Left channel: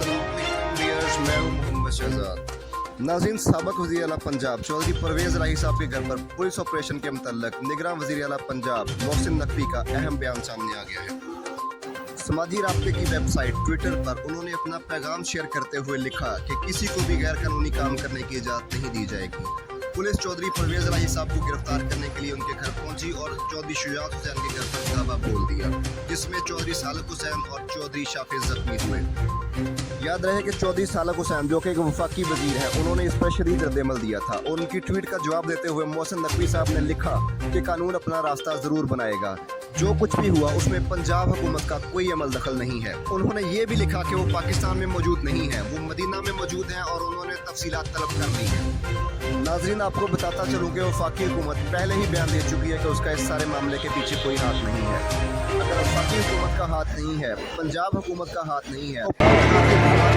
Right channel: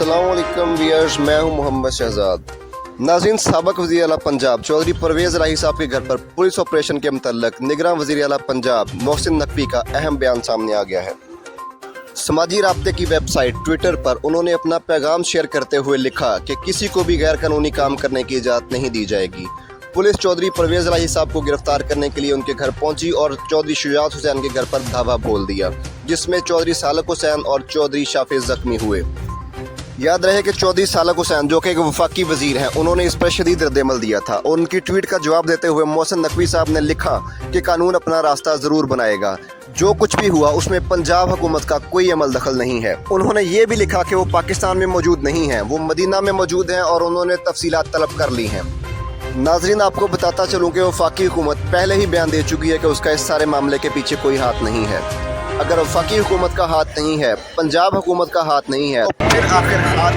अस्सलामुअलैकुम व्यूअर्स, मैं हूं मोहम्मद शहजाद। नाज़रीन, साबिक़ वज़ीर आला पंजाब चौधरी परवेज़ इलाही साहब के घर पर पुलिस ऑपरेशन के मुतल्लिक़ निगरान वज़ीर आला पंजाब मोहसिन नकवी का अहम बयान सामने आ गया है। समाजी राब्ते की वेबसाइट ट्विटर पर उन्होंने अपना पैगाम शेयर करते हुए लिखा कि किसी को भी गैर कानूनी काम करने की इजाज़त नहीं दी जाएगी। पुलिस चौधरी परवेज़ इलाही साहब को गिरफ्तार करने के लिए उनके घर पहुंची और चौधरी शुजात हुसैन के घर पर धावा बोल दिया, जिसमें चौधरी सालक हुसैन और चौधरी शाफिज जख्मी हुए। याद रहे कि चौधरी सालक हुसैन जो कि एक वफाकी वजीर हैं, उन्होंने इस पर शदीद रद्द-ए-अमल दिया था और उनकी ट्वीट का जवाब देते हुए मोहसिन नकवी साहब ने लिखा कि कानून अपना रास्ता ज़रूर बनाएगा, जो कुछ भी हुआ उसमें पंजाब हुकूमत का कोई अमल दखल नहीं है। उन्होंने ये भी लिखा कि वो पाकिस्तान में मौजूद नहीं हैं, वो मदीना में मौजूद हैं और उन्होंने तफसीलात तलब कर ली हैं। नाजरीन, आपको बताता चलूँ कि वफाकी हुकूमत पहले ही बयान दे चुकी है कि उसका इस सारे मामले के पीछे कोई हाथ नहीं है। अगर वफाकी हुकूमत का हाथ नहीं है, पंजाब हुकूमत का हाथ नहीं है, तो आखिर हाथ